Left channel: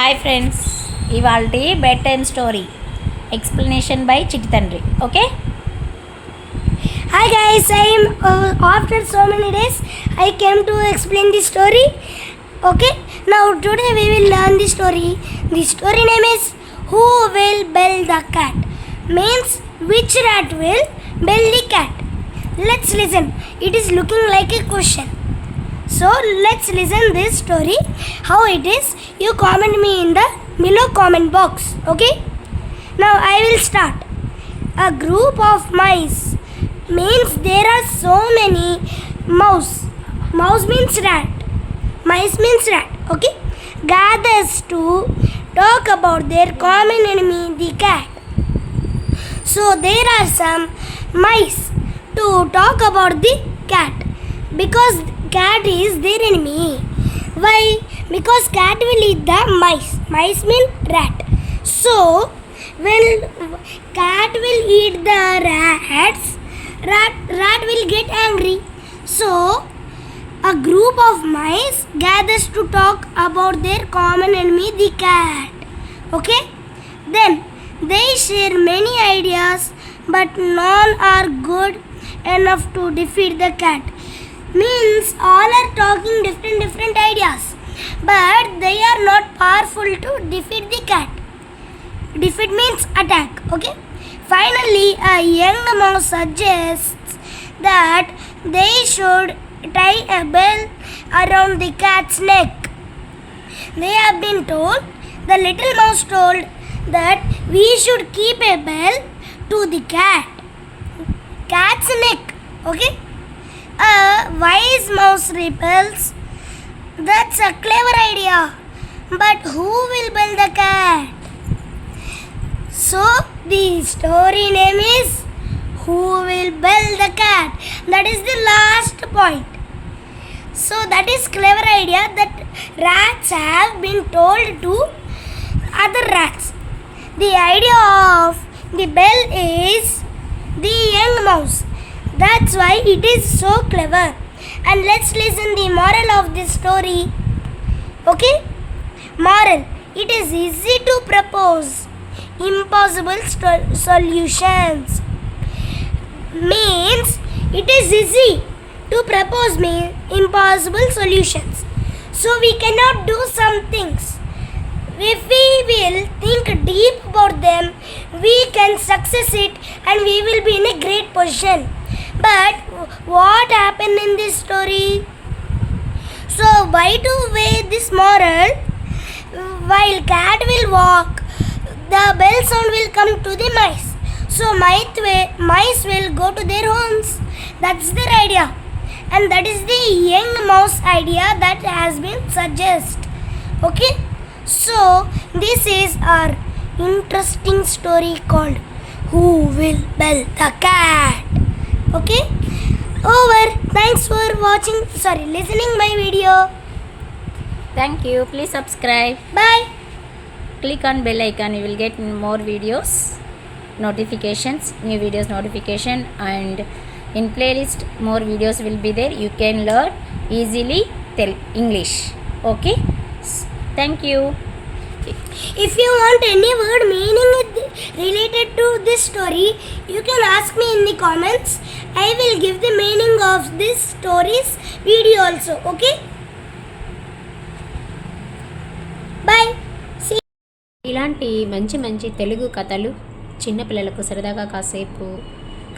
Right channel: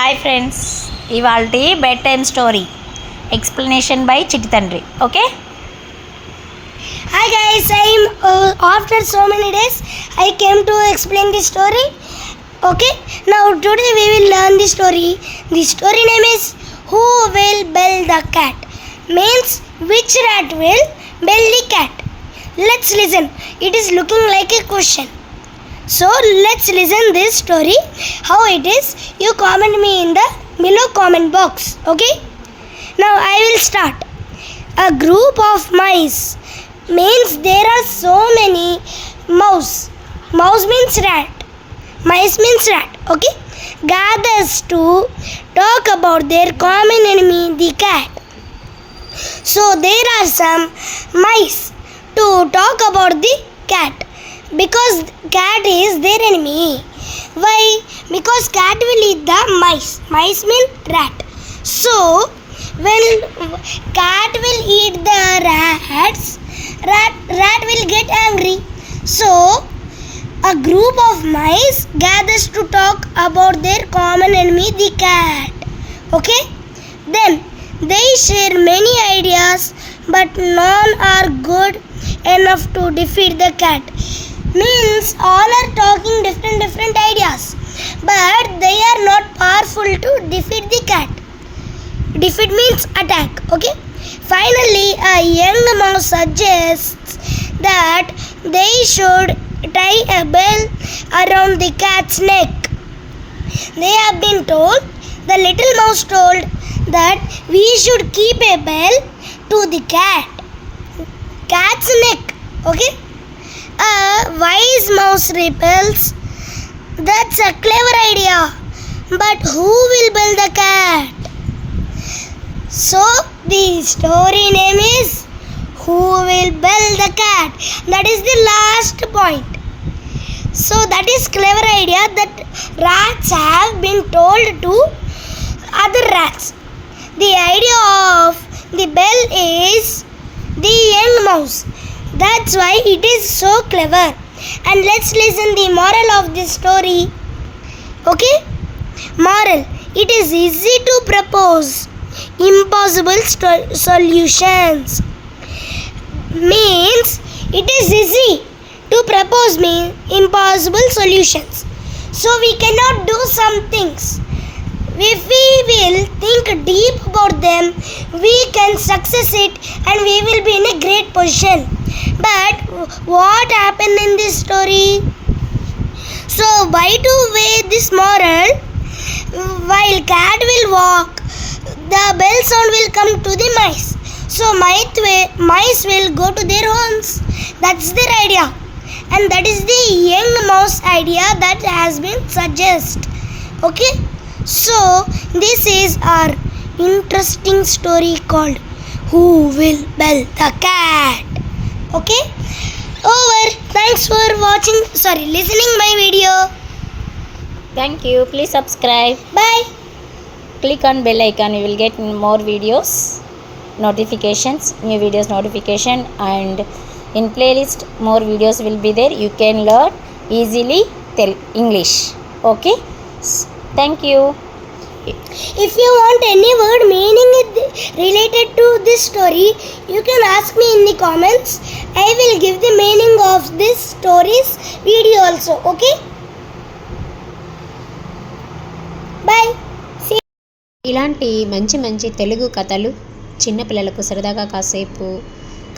Hi friends, ఇవాల్టి bed time story explanation by చిట్టి తండ్రి. Okay. Hi guys, after so many days I came to explain the story. Okay, now today we will learn the story. The story name is Who Will Build the Cat? Means which rat will build the cat? Let's listen. It is looking like a question. So let's listen this story. How it is? You comment me in the below comment box. Okay? Now I will start. A group of mice means there are so many mouse. Mouse means rat. Mice means rat. Okay? Gathers to talk about their common enemy, the cat. So there are some mice to talk about the cat because cat is their enemy. Why? Because cat will eat the mice. Mice mean rat. So when cat will eat the rats, rat will get angry. So a group of mice gathers to talk about their common enemy, the cat. Okay? Then they share many ideas, but none are good enough to defeat the cat. Means all are talking different ideas, but they are not powerful to defeat the cat. Defeat means attack. Okay? Finally, a young mouse suggests that they should tie a bell around the cat's neck. They have been told, the little mouse told that we should keep a bell to the cat's neck. Okay? A wise mouse rebels. That's a clever idea. But who will build the cat? So the story name is Who Will Build the Cat? That is the last point. So that is clever idea that rats have been told to other rats. The idea of the bell is the young mouse. That's why it is so clever. And let's listen the moral of this story. Okay? Moral. It is easy to propose impossible solutions. Means it is easy to propose impossible solutions. So we cannot do some things. If we will think deep about them, we can success it and we will be in a great position. But what happened in this story? So why to weigh this moral? While cat will walk, the bell sound will come to the mice. So mice will go to their homes. That's their idea. And that is the young mouse idea that has been suggested. Okay? So this is our interesting story called Who Will Build the Cat? Okay? Over. Thanks for listening my video. Thank you. Please subscribe. Bye. Click on bell icon. You will get more videos, notifications, new videos notification, and in playlist more videos will be there. You can learn easily English. Okay? Thank you. If you want any word meaning related to this story, you can ask me in the comments. I will give the meaning of this story's video also. Okay? Bye. ఇలాంటి మంచి తెలుగు కథలు చిన్నపిల్లలకు సరదాగా కాసేపు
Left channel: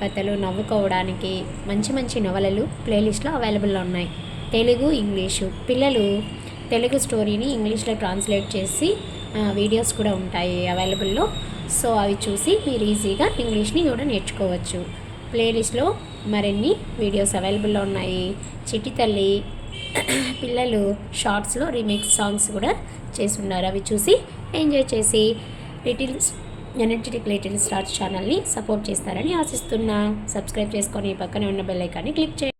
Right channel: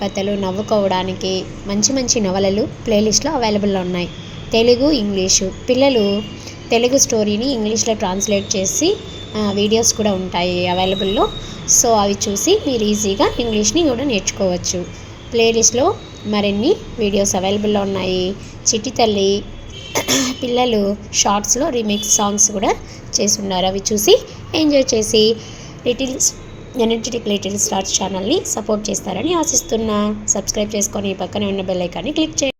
కథలు నవ్వుకోవడానికి మంచి నవలలు ప్లేలిస్ట్లో అవైలబుల్లో ఉన్నాయి. తెలుగు, ఇంగ్లీషు. పిల్లలు తెలుగు స్టోరీని ఇంగ్లీష్లో ట్రాన్స్లేట్ చేసి వీడియోస్ కూడా ఉంటాయి అవైలబుల్లో. సో అవి చూసి మీరు ఈజీగా ఇంగ్లీష్ని కూడా నేర్చుకోవచ్చు. ప్లేలిస్ట్లో మరిన్ని వీడియోస్ అవైలబుల్లో ఉన్నాయి. చిట్టి తల్లి పిల్లలు షార్ట్స్లో రీమిక్స్ సాంగ్స్ కూడా చేసి ఉన్నారు. అవి చూసి ఎంజాయ్ చేసి ఎనర్జెటిక్ లిటిల్ స్టార్స్ ఛానల్ని సపోర్ట్ చేస్తారని ఆశిస్తున్నా. సబ్స్క్రైబ్ చేసుకొని పక్కనే ఉన్న బెల్ ఐకాన్ని క్లిక్ చేయండి.